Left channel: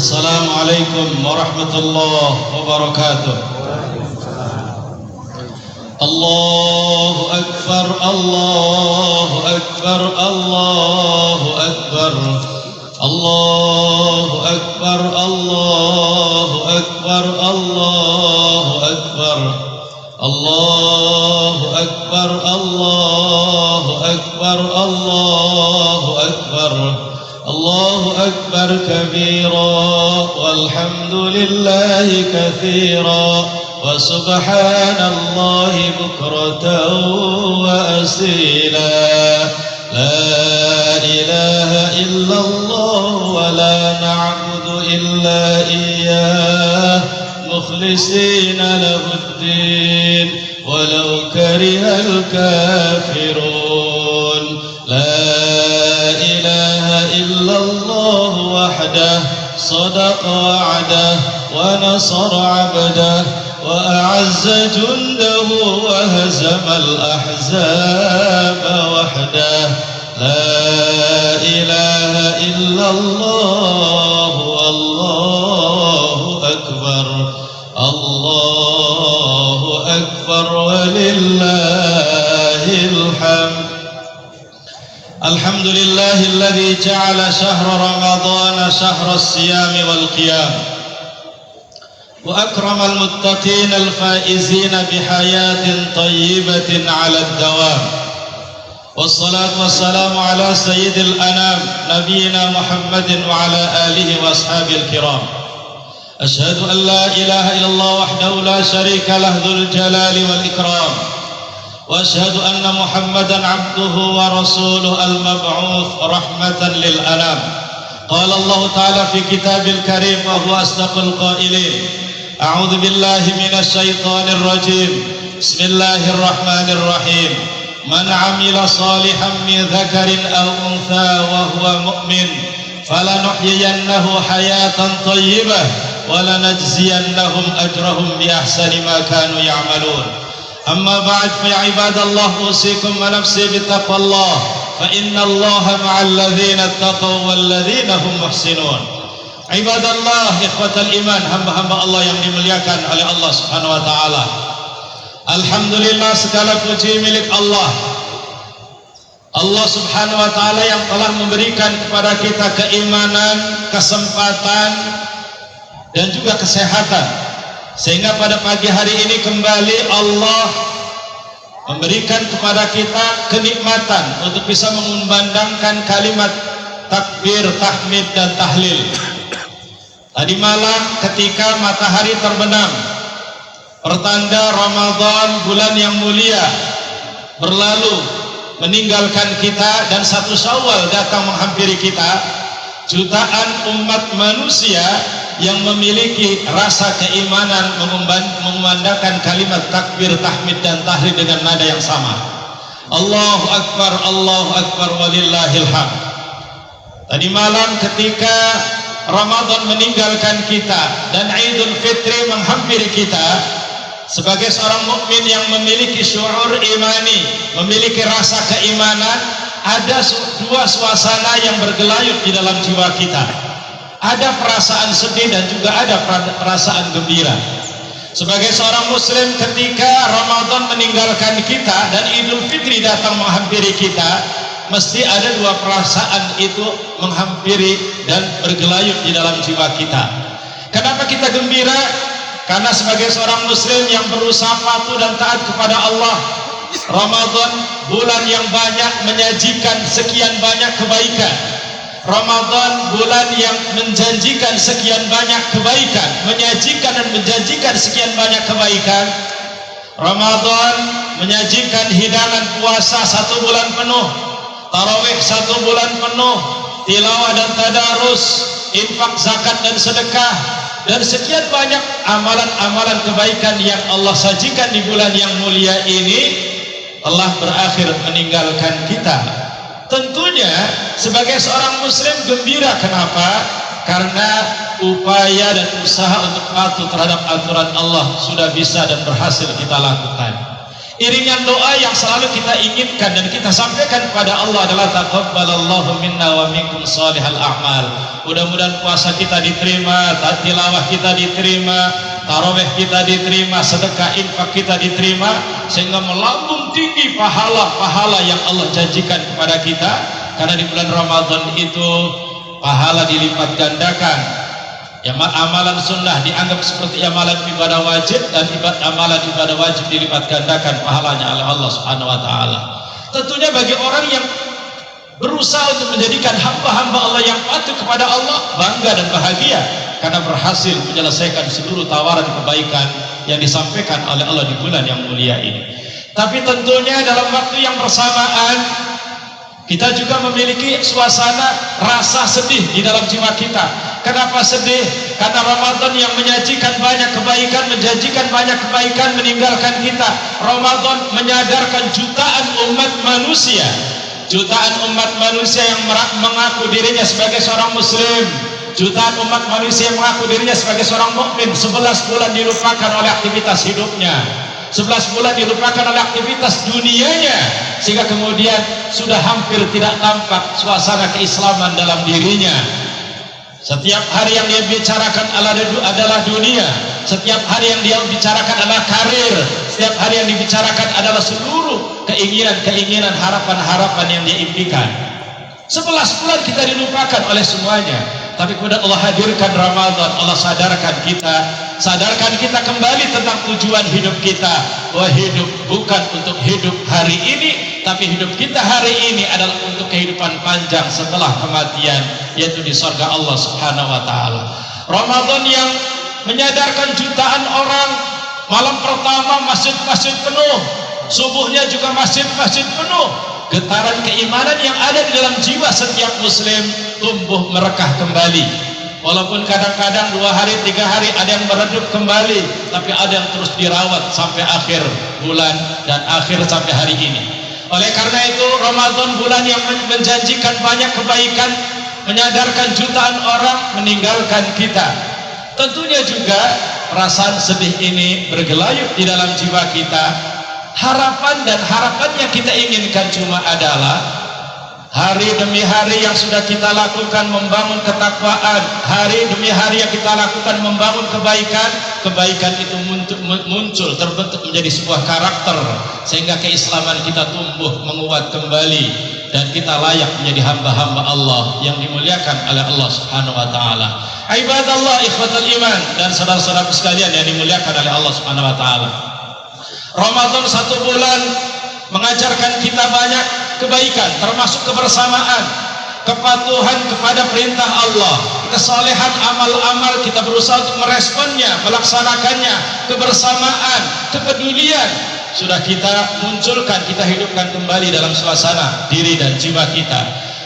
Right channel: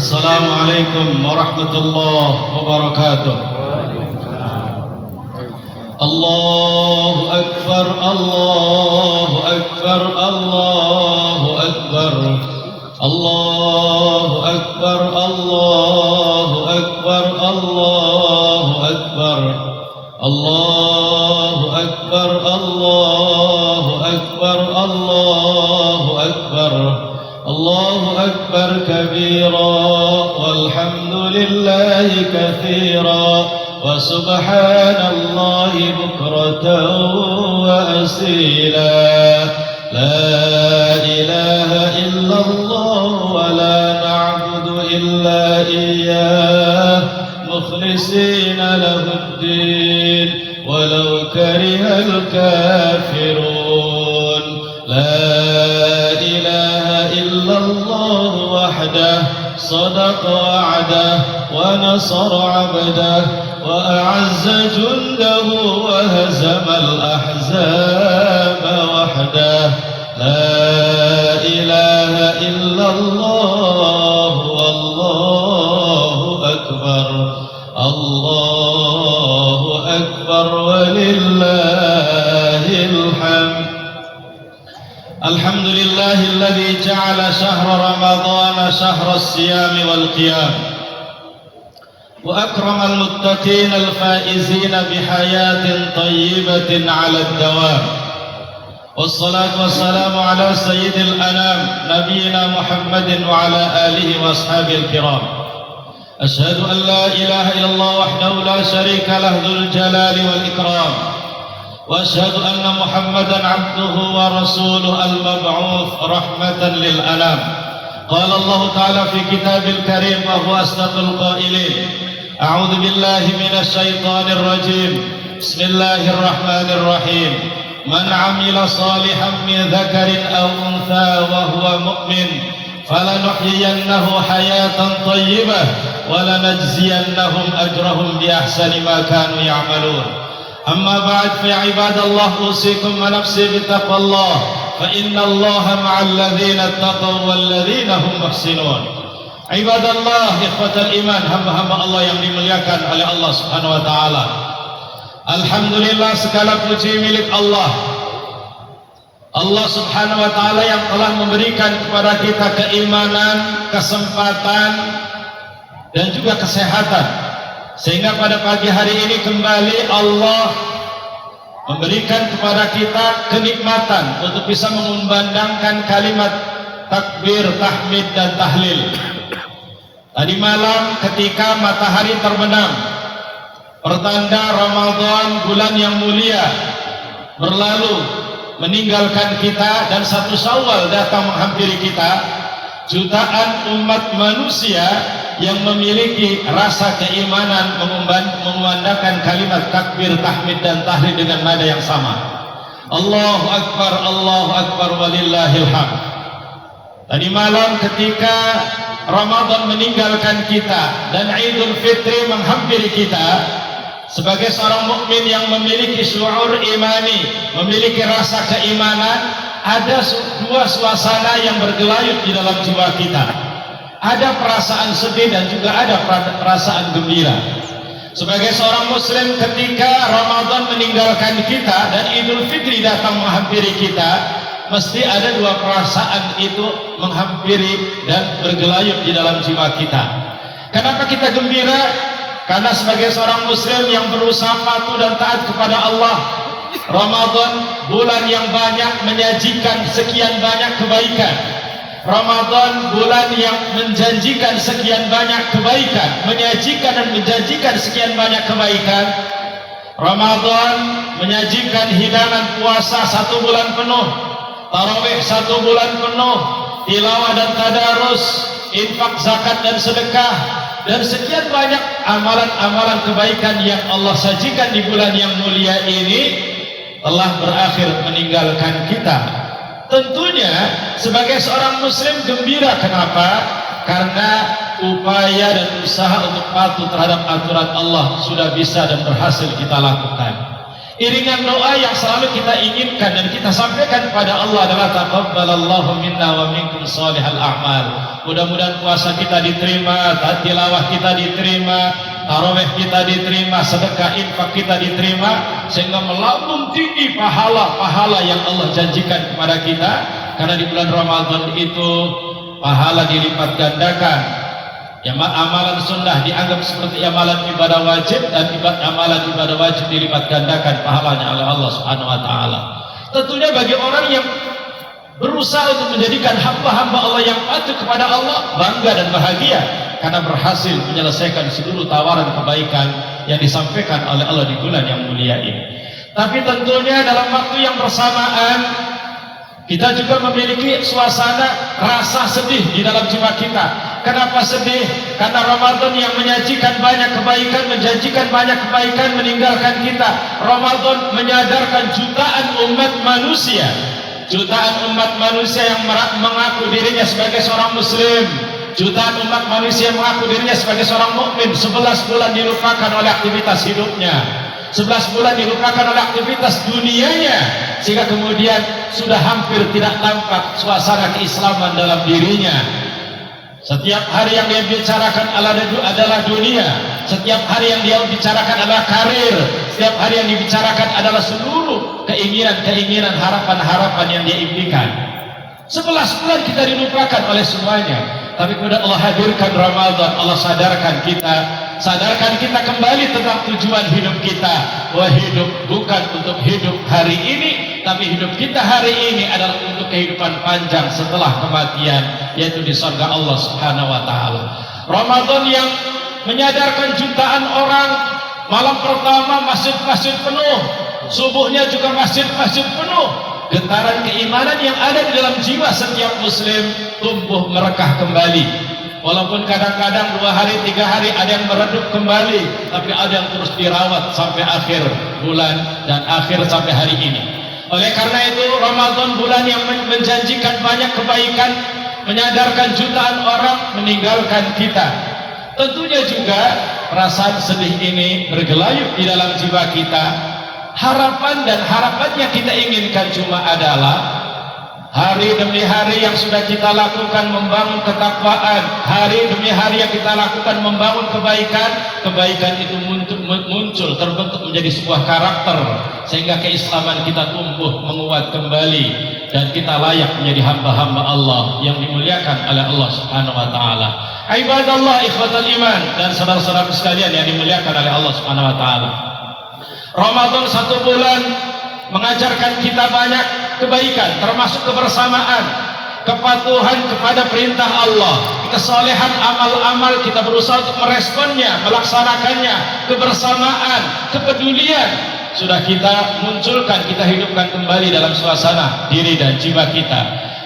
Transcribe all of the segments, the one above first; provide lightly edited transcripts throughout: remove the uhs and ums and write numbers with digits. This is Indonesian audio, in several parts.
Assalamualaikum warahmatullahi wabarakatuh. Allahu Akbar, Allahu Akbar, Allahu Akbar, Allahu Akbar, Allahu Akbar, Allahu Akbar, Allahu Akbar, Allahu Akbar, Allahu Akbar, Allahu Akbar kabira, walhamdulillahi katsira. وسبحان الله بكرة وأصيلا لا إله إلا الله ولا نعبد إلا إياه مخلصين له الدين ولو كره الكافرون لا إله إلا الله وحده صدق وعده ونصر عبده وأعز جنده وهزم الأحزاب وحده لا إله إلا الله والله أكبر الله أكبر ولله الحمد. الحمد لله الذي جعل شهر رمضان شهر الصيام والقيام وأكرم المتقين الفائزين بحياة طيبة على الدوام، والصلاة والسلام على سيد الأنام نبينا محمد وعلى آله وأصحابه الكرام. أشهد أن لا إله إلا الله وحده لا شريك له ذو الجلال والإكرام، وأشهد أن محمدا عبده ورسوله المبعوث رحمة للأنام. قال الله تعالى في كتاب الكريم وهو أصدق القائلين: أعوذ بالله من الشيطان الرجيم، بسم الله الرحمن الرحيم. من عمل صالحا من ذكر أو أنثى وهو مؤمن فلنحيينه حياة طيبة ولنجزينهم أجرهم بأحسن ما كانوا يعملون. أما بعد فيا عباد الله أوصيكم ونفسي بتقوى الله فإن الله مع الذين اتقوا والذين هم محسنون. Ibadallah, ikhwatal iman, hamba-hamba Allah yang dimuliakan oleh Allah Subhanahu wa taala. Alhamdulillah, segala puji milik Allah. Allah Subhanahu wa taala yang telah memberikan kepada kita keimanan, kesempatan dan juga kesehatan, sehingga pada pagi hari ini kembali Allah memberikan kepada kita kenikmatan untuk bisa mengumandangkan kalimat takbir, tahmid dan tahlil. Tadi malam ketika matahari terbenam, pertanda Ramadan, bulan yang mulia, berlalu meninggalkan kita dan 1 Syawal datang menghampiri kita, jutaan umat manusia yang memiliki rasa keimanan mengumandangkan kalimat takbir, tahmid dan tahlil dengan nada yang sama. Allahu Akbar, Allahu Akbar walillahil hamd. Tadi malam ketika Ramadan meninggalkan kita dan Idul Fitri menghampiri kita, sebagai seorang mukmin yang memiliki syuur imani, memiliki rasa keimanan, ada dua suasana yang bergelayut di dalam jiwa kita. Ada perasaan sedih dan juga ada perasaan gembira. Sebagai seorang muslim ketika Ramadan meninggalkan kita dan Idul Fitri datang menghampiri kita, mesti ada dua perasaan itu menghampiri dan bergelayut di dalam jiwa kita. Kenapa kita gembira? Karena sebagai seorang muslim yang berusaha patuh dan taat kepada Allah, Ramadan bulan yang banyak menyajikan sekian banyak kebaikan. Ramadan bulan yang menjanjikan sekian banyak kebaikan, menyajikan dan menjanjikan sekian banyak kebaikan. Ramadan menyajikan hidangan puasa 1 bulan penuh, tarawih 1 bulan penuh, tilawah dan tadarus, infak, zakat dan sedekah, dan sekian banyak amalan-amalan kebaikan yang Allah sajikan di bulan yang mulia ini telah berakhir meninggalkan kita. Tentunya sebagai seorang muslim gembira. Kenapa? Karena upaya dan usaha untuk patuh terhadap aturan Allah sudah bisa dan berhasil kita lakukan. Iringan doa yang selalu kita inginkan dan kita sampaikan kepada Allah adalah taqabbalallahu minna wa minkum shalihal a'mal. Mudah-mudahan puasa kita diterima, tilawah kita diterima, tarawih kita diterima, sedekah infak kita diterima, sehingga melambung tinggi pahala-pahala yang Allah janjikan kepada kita. Karena di bulan Ramadan itu pahala dilipat gandakan. Amalan sunnah dianggap seperti amalan ibadah wajib, dan amalan ibadah wajib dilipat gandakan pahalanya oleh Allah Subhanahu wa taala. Tentunya bagi orang yang berusaha untuk menjadikan hamba-hamba Allah yang patuh kepada Allah, bangga dan bahagia karena berhasil menyelesaikan seluruh tawaran kebaikan yang disampaikan oleh Allah di bulan yang mulia ini. Tapi tentunya dalam waktu yang bersamaan kita juga memiliki suasana rasa sedih di dalam jiwa kita. Kenapa sedih? Karena Ramadan yang menyajikan banyak kebaikan, menjanjikan banyak kebaikan meninggalkan kita. Ramadan menyadarkan jutaan umat manusia yang mengaku dirinya sebagai seorang muslim, jutaan umat manusia yang mengaku dirinya sebagai seorang mukmin. 11 bulan dilupakan oleh aktivitas hidupnya, 11 bulan dilupakan oleh aktivitas dunianya, sehingga kemudian sudah hampir tidak tampak suasana keislaman dalam dirinya. Setiap hari yang dia bicarakan adalah dunia, setiap hari yang dia bicarakan adalah karir, setiap hari yang dibicarakan adalah seluruh keinginan-keinginan, harapan-harapan yang dia impikan. 11 bulan kita dilupakan oleh semuanya. Tapi kemudian Allah hadirkan Ramadan, Allah sadarkan kita kembali tentang tujuan hidup kita, bahwa hidup bukan untuk hidup hari ini, tapi hidup kita hari ini adalah untuk kehidupan panjang setelah kematian, yaitu di surga Allah Subhanahu wa taala. Ramadan yang menyadarkan jutaan orang, malam pertama masjid-masjid penuh, subuhnya juga masjid-masjid penuh. Getaran keimanan yang ada di dalam jiwa setiap muslim tumbuh merekah kembali. Walaupun kadang-kadang 2 hari 3 hari ada yang meredup kembali, tapi ada yang terus dirawat sampai akhir bulan dan akhir sampai hari ini. Oleh karena itu Ramadan bulan yang menjanjikan banyak kebaikan, menyadarkan jutaan orang, meninggalkan kita. Tentunya juga perasaan sedih ini bergelayut di dalam jiwa kita. Harapan dan harapan yang kita inginkan cuma adalah hari demi hari yang sudah kita lakukan membangun ketakwaan, hari demi hari yang kita lakukan membangun kebaikan itu muncul, terbentuk menjadi sebuah karakter, sehingga keislaman kita tumbuh menguat kembali dan kita layak menjadi hamba-hamba Allah yang dimuliakan oleh Allah Subhanahu wa taala. Ibadallah, ikhwatal iman dan saudara-saudaraku sekalian yang dimuliakan oleh Allah Subhanahu wa taala. Ramadan 1 bulan mengajarkan kita banyak kebaikan, termasuk kebersamaan, kepatuhan kepada perintah Allah, kesolehan amal-amal kita berusaha untuk meresponnya, melaksanakannya, kebersamaan, kepedulian sudah kita munculkan, kita hidupkan kembali dalam suasana diri dan jiwa kita.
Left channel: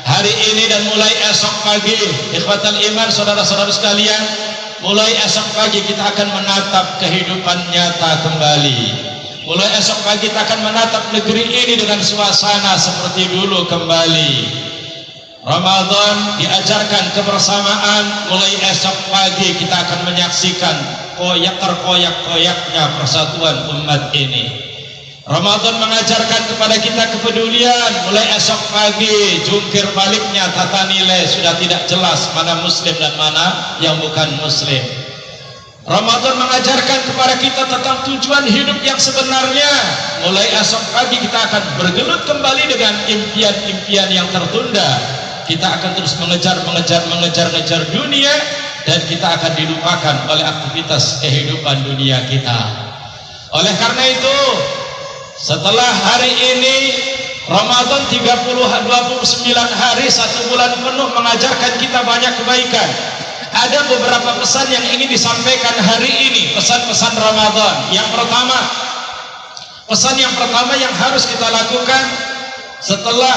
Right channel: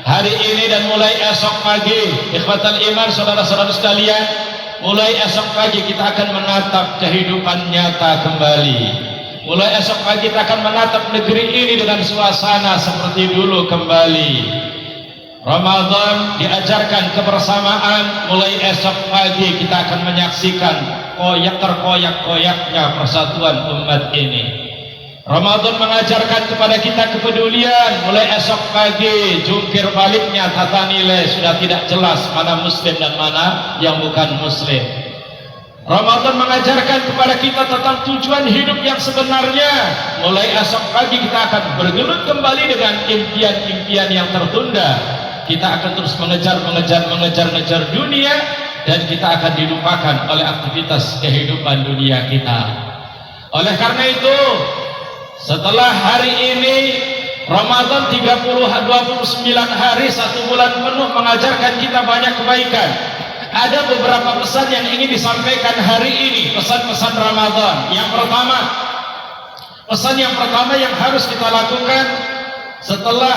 Hari ini dan mulai esok pagi, ikhwatal iman, saudara-saudara sekalian, mulai esok pagi kita akan menatap kehidupan nyata kembali. Mulai esok pagi kita akan menatap negeri ini dengan suasana seperti dulu kembali. Ramadan diajarkan kebersamaan. Mulai esok pagi kita akan menyaksikan terkoyak-koyaknya persatuan umat ini. Ramadan mengajarkan kepada kita kepedulian. Mulai esok pagi jungkir baliknya tata nilai sudah tidak jelas mana muslim dan mana yang bukan muslim. Ramadan mengajarkan kepada kita tentang tujuan hidup yang sebenarnya. Mulai esok pagi kita akan bergelut kembali dengan impian-impian yang tertunda. Kita akan terus mengejar dunia, dan kita akan dilupakan oleh aktivitas kehidupan dunia kita. Oleh karena itu, setelah hari ini Ramadan 29 hari 1 bulan penuh mengajarkan kita banyak kebaikan. Ada beberapa pesan yang ingin disampaikan hari ini, pesan-pesan Ramadan. Pesan yang pertama yang harus kita lakukan setelah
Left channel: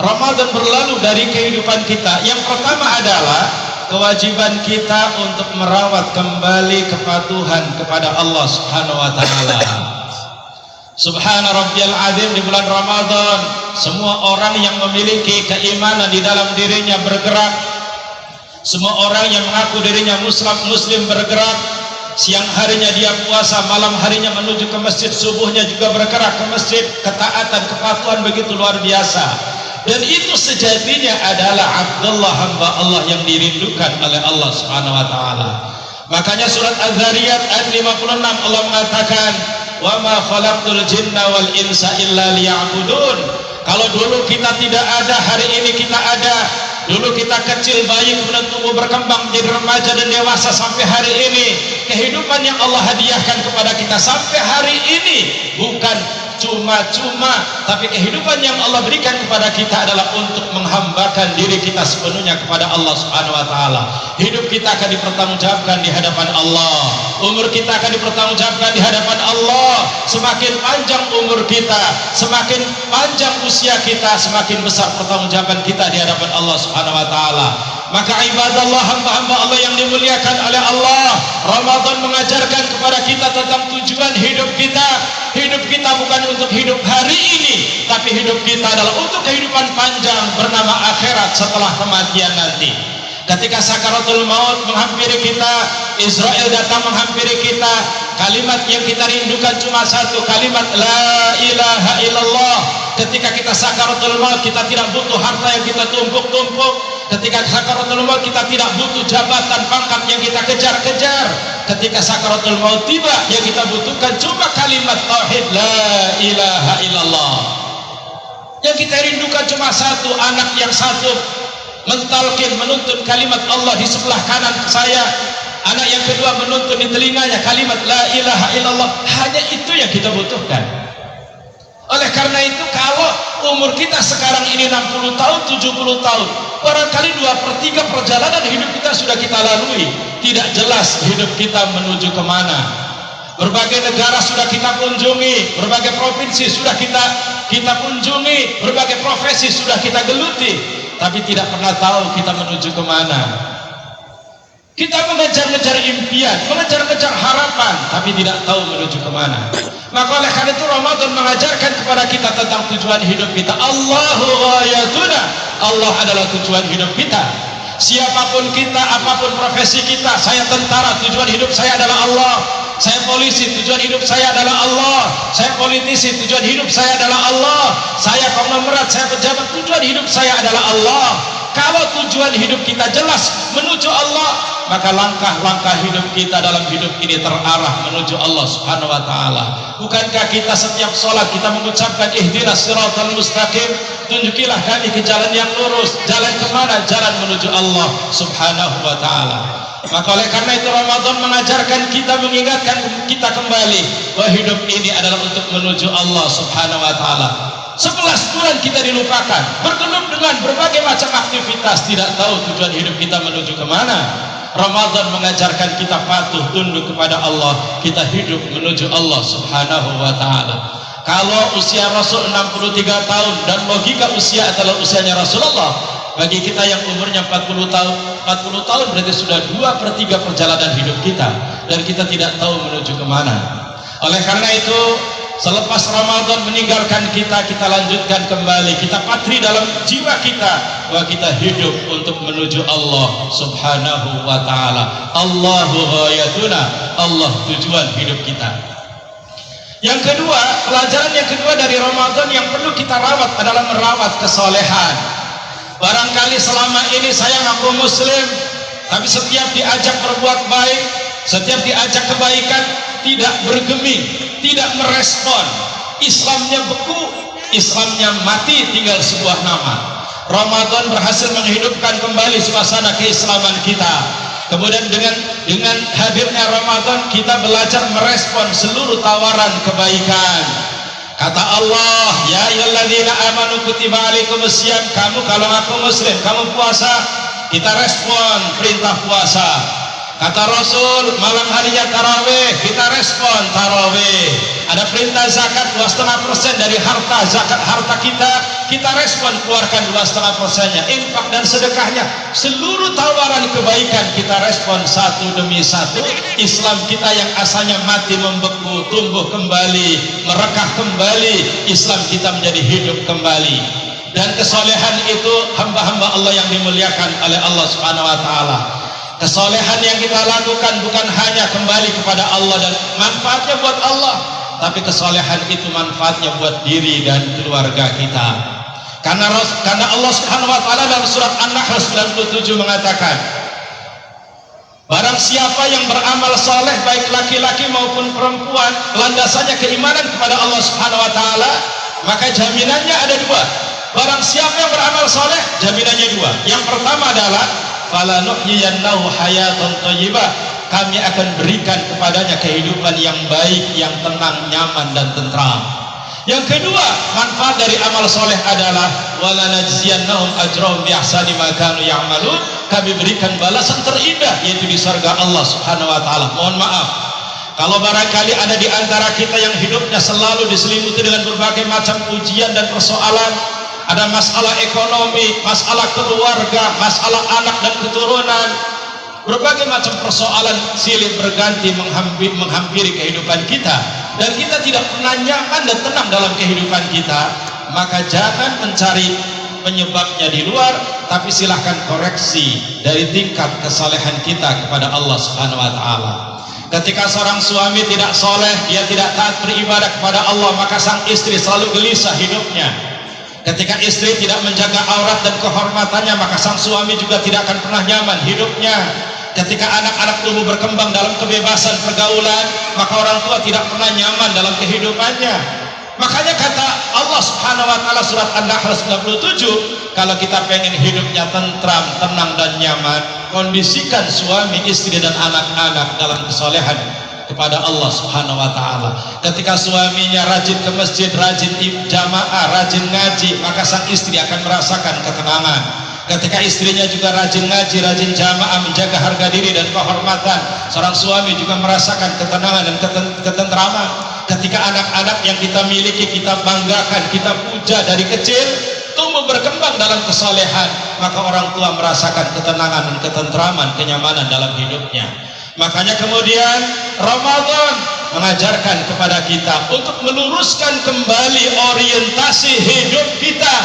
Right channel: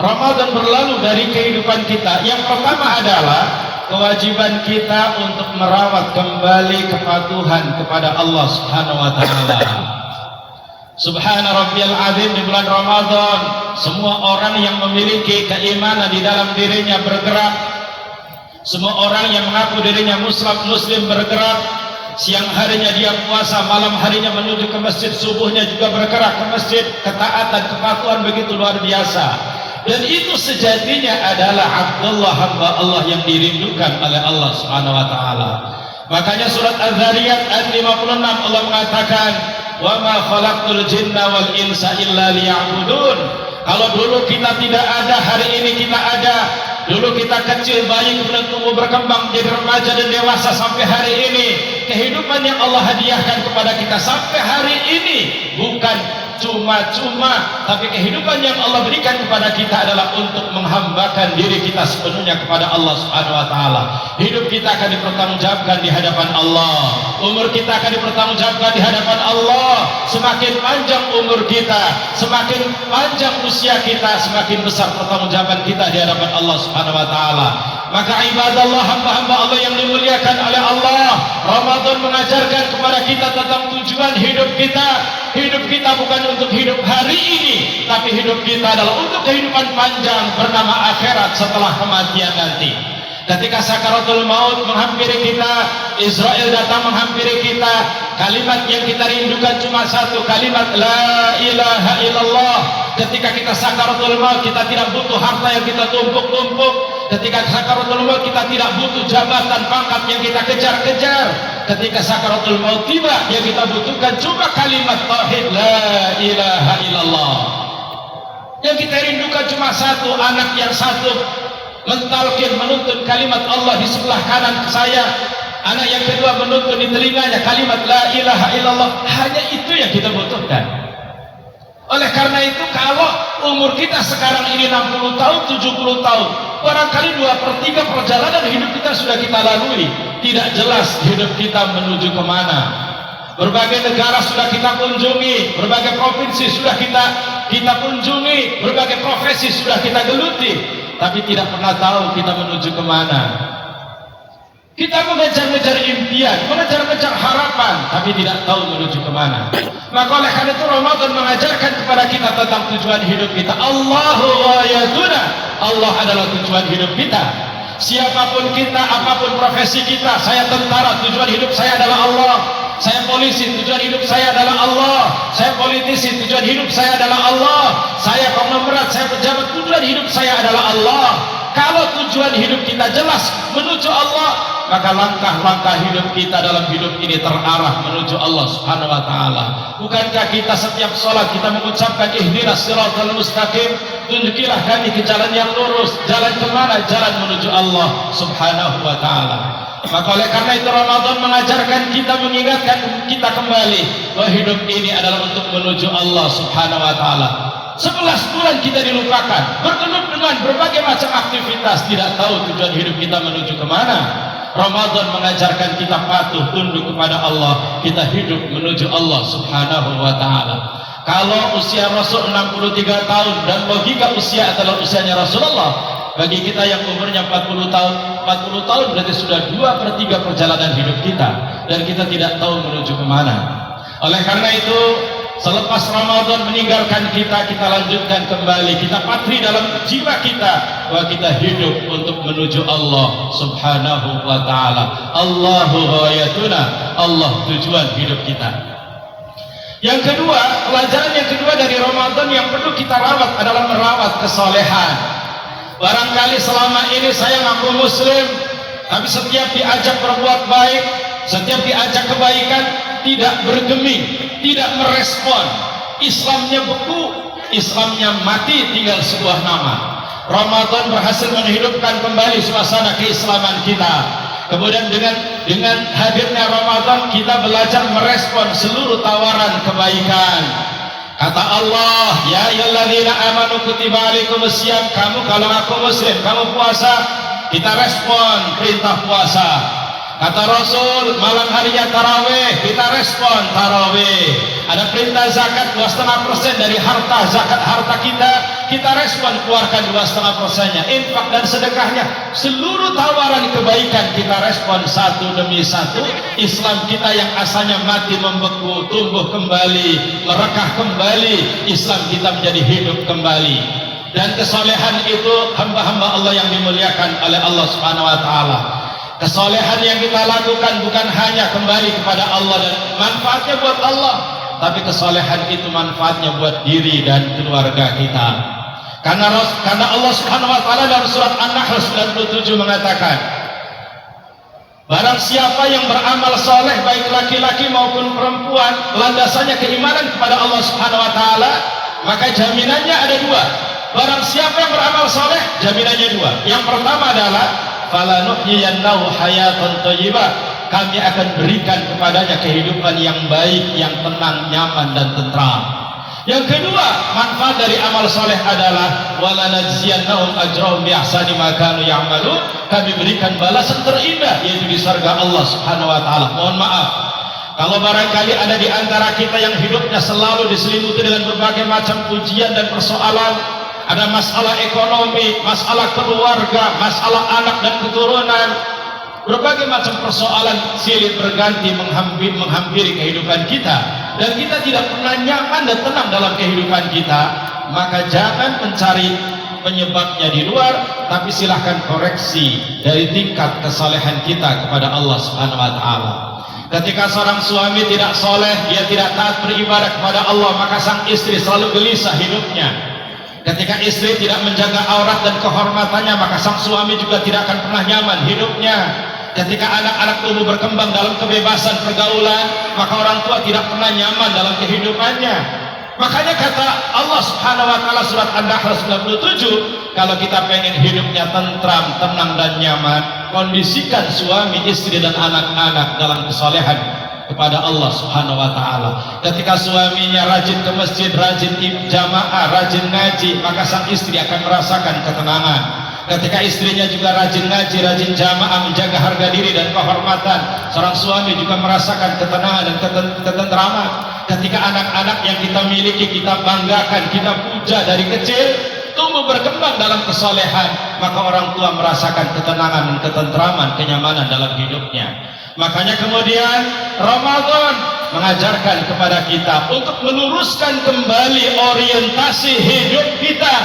Ramadan berlalu dari kehidupan kita, yang pertama adalah kewajiban kita untuk merawat kembali kepatuhan kepada Allah Subhanahu wa taala. Subhana rabbiyal azim, di bulan Ramadan semua orang yang memiliki keimanan di dalam dirinya bergerak. Semua orang yang mengaku dirinya muslim bergerak, siang harinya dia puasa, malam harinya menuju ke masjid, subuhnya juga bergerak ke masjid. Ketaatan, kepatuhan begitu luar biasa. Dan itu sejatinya adalah Abdullah, hamba Allah yang dirindukan oleh Allah Subhanahu wa taala. Makanya surat Az-Zariyat ayat 56 Allah mengatakan, "Wa ma khalaqtul jinna wal insa illa liya'budun." Kalau dulu kita tidak ada, hari ini kita ada. Dulu kita kecil, bayi, kemudian tumbuh berkembang menjadi remaja dan dewasa sampai hari ini. Kehidupan yang Allah hadiahkan kepada kita sampai hari ini bukan cuma-cuma, tapi kehidupan yang Allah berikan kepada kita adalah untuk menghambakan diri kita sepenuhnya kepada Allah Subhanahu wa taala. Hidup kita akan dipertanggungjawabkan di hadapan Allah. Umur kita akan dipertanggungjawabkan di hadapan Allah. Semakin panjang umur kita, semakin panjang usia kita, semakin besar pertanggungjawaban kita di hadapan Allah Subhanahu wa taala. Maka ibadallah, hamba-hamba Allah yang dimuliakan oleh Allah, Ramadan mengajarkan kepada kita tentang tujuan hidup kita. Hidup kita bukan untuk hidup hari ini, tapi hidup kita adalah untuk kehidupan panjang bernama akhirat setelah kematian nanti. Ketika sakaratul maut menghampiri kita, Israel datang menghampiri kita, kalimat yang kita rindukan cuma satu, kalimat la ilaha illallah. Ketika kita sakaratul maut, kita tidak butuh harta yang kita tumpuk-tumpuk. Ketika sakaratul maut, kita tidak butuh jabatan, pangkat yang kita kejar-kejar. Ketika sakaratul maut tiba, yang kita butuhkan cuma kalimat tauhid la ilaha illallah. Yang kita rindukan cuma satu, anak yang satu mentalkin, menuntun kalimat Allah di sebelah kanan saya. Anak yang kedua menuntun di telinganya kalimat la ilaha illallah. Hanya itu yang kita butuhkan. Oleh karena itu, kalau umur kita sekarang ini 60 tahun, 70 tahun, barangkali 2/3 perjalanan hidup kita sudah kita lalui. Tidak jelas hidup kita menuju kemana. Berbagai negara sudah kita kunjungi, berbagai provinsi sudah kita kunjungi, berbagai profesi sudah kita geluti, tapi tidak pernah tahu kita menuju kemana. Kita mengejar-ngejar impian, mengejar-ngejar harapan, tapi tidak tahu menuju kemana. Maka oleh karena itu Ramadan mengajarkan kepada kita tentang tujuan hidup kita. Allahu ayatuna, Allah adalah tujuan hidup kita. Siapapun kita, apapun profesi kita, saya tentara, tujuan hidup saya adalah Allah. Saya polisi, tujuan hidup saya adalah Allah. Saya politisi, tujuan hidup saya adalah Allah. Saya konglomerat, saya pejabat, tujuan hidup saya adalah Allah. Kalau tujuan hidup kita jelas menuju Allah, maka langkah-langkah hidup kita dalam hidup ini terarah menuju Allah Subhanahu wa taala. Bukankah kita setiap sholat kita mengucapkan ihdinas siratal mustaqim, tunjukilah kami ke jalan yang lurus. Jalan kemana? Jalan menuju Allah Subhanahu wa taala. Maka oleh karena itu Ramadan mengajarkan kita, mengingatkan kita kembali bahwa hidup ini adalah untuk menuju Allah Subhanahu wa taala. 11 bulan kita dilupakan, bergelut dengan berbagai macam aktivitas, tidak tahu tujuan hidup kita menuju kemana. Ramadan mengajarkan kita patuh tunduk kepada Allah, kita hidup menuju Allah Subhanahu wa taala. Kalau usia Rasul 63 tahun dan logika usia adalah usianya Rasulullah, bagi kita yang umurnya 40 tahun berarti sudah 2/3 perjalanan hidup kita, dan kita tidak tahu menuju kemana. Oleh karena itu, selepas Ramadan meninggalkan kita, kita lanjutkan kembali, kita patri dalam jiwa kita bahwa kita hidup untuk menuju Allah Subhanahu wa taala. Allahu ghayatuna, Allah tujuan hidup kita. Yang kedua, pelajaran yang kedua dari Ramadan yang perlu kita rawat adalah merawat kesolehan. Barangkali selama ini saya ngaku muslim, tapi setiap diajak berbuat baik, setiap diajak kebaikan, tidak bergeming, tidak merespon. Islamnya beku, Islamnya mati, tinggal sebuah nama. Ramadan berhasil menghidupkan kembali suasana keislaman kita. Kemudian dengan hadirnya Ramadan, kita belajar merespon seluruh tawaran kebaikan. Kata Allah, ya ayyuhalladzina amanu kutiba alaikumusiyam, kamu kalau ngaku muslim, kamu puasa, kita respon perintah puasa. Kata Rasul, malam harinya tarawih, kita respon tarawih. Ada perintah zakat 2,5% dari harta, zakat harta kita respon keluarkan 2,5%-nya. Infak dan sedekahnya, seluruh tawaran kebaikan kita respon satu demi satu. Islam kita yang asalnya mati membeku, tumbuh kembali, merekah kembali. Islam kita menjadi hidup kembali. Dan kesolehan itu hamba-hamba Allah yang dimuliakan oleh Allah Subhanahu wa taala. Kesolehan yang kita lakukan bukan hanya kembali kepada Allah dan manfaatnya buat Allah, tapi kesolehan itu manfaatnya buat diri dan keluarga kita. Karena Allah Subhanahu wa taala dalam surat An-Nahl 97 mengatakan, barang siapa yang beramal soleh baik laki-laki maupun perempuan, landasannya keimanan kepada Allah Subhanahu wa taala, maka jaminannya ada dua. Barang siapa yang beramal soleh, jaminannya dua. Yang pertama adalah falanuhyiyannahu hayatan thayyibah, kami akan berikan kepadanya kehidupan yang baik, yang tenang, nyaman dan tentram. Yang kedua, manfaat dari amal soleh adalah walanajziyannahum ajrahum bi ahsani ma kanu ya'malun, kami berikan balasan terindah yaitu di surga Allah Subhanahu wa taala. Mohon maaf kalau barangkali ada di antara kita yang hidupnya selalu diselimuti dengan berbagai macam ujian dan persoalan, ada masalah ekonomi, masalah keluarga, masalah anak dan keturunan, berbagai macam persoalan silih berganti menghampiri kehidupan kita, dan kita tidak pernah nyaman dan tenang dalam kehidupan kita, maka jangan mencari penyebabnya di luar, tapi silahkan koreksi dari tingkat kesalehan kita kepada Allah Subhanahu wa taala. Ketika seorang suami tidak soleh, dia tidak taat beribadah kepada Allah, maka sang istri selalu gelisah hidupnya. Ketika istri tidak menjaga aurat dan kehormatannya, maka sang suami juga tidak akan pernah nyaman hidupnya. Ketika anak-anak tumbuh berkembang dalam kebebasan pergaulan, maka orang tua tidak pernah nyaman dalam kehidupannya. Makanya kata Allah Subhanahu wa taala surat An-Nahl 97, kalau kita pengen hidupnya tentram, tenang dan nyaman, kondisikan suami, istri dan anak-anak dalam kesolehan kepada Allah Subhanahu wa taala. Ketika suaminya rajin ke masjid, rajin jamaah, rajin ngaji, maka sang istri akan merasakan ketenangan. Ketika istrinya juga rajin ngaji, rajin jamaah, menjaga harga diri dan kehormatan, seorang suami juga merasakan ketenangan dan ketentraman. Ketika anak-anak yang kita miliki, kita banggakan, kita puja dari kecil, tumbuh berkembang dalam kesolehan, maka orang tua merasakan ketenangan dan ketentraman, kenyamanan dalam hidupnya. Makanya kemudian Ramadan mengajarkan kepada kita untuk meluruskan kembali orientasi hidup kita.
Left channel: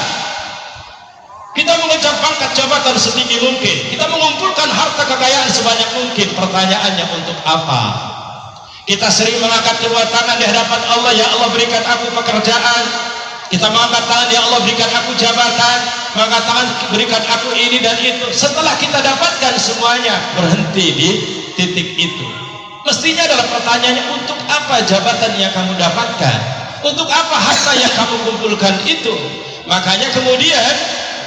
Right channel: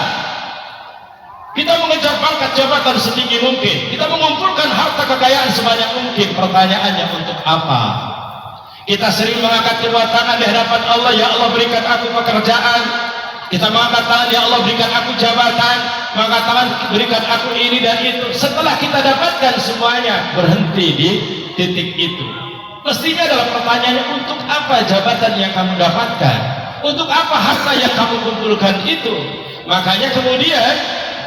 Kita mengejar pangkat jabatan setinggi mungkin, kita mengumpulkan harta kekayaan sebanyak mungkin. Pertanyaannya, untuk apa? Kita sering mengangkat kedua tangan di hadapan Allah, ya Allah berikan aku pekerjaan. Kita mengangkat tangan, ya Allah berikan aku jabatan, mengangkat tangan, berikan aku ini dan itu. Setelah kita dapatkan semuanya, berhenti di titik itu. Mestinya adalah pertanyaannya, untuk apa jabatan yang kamu dapatkan? Untuk apa harta yang kamu kumpulkan itu? Makanya kemudian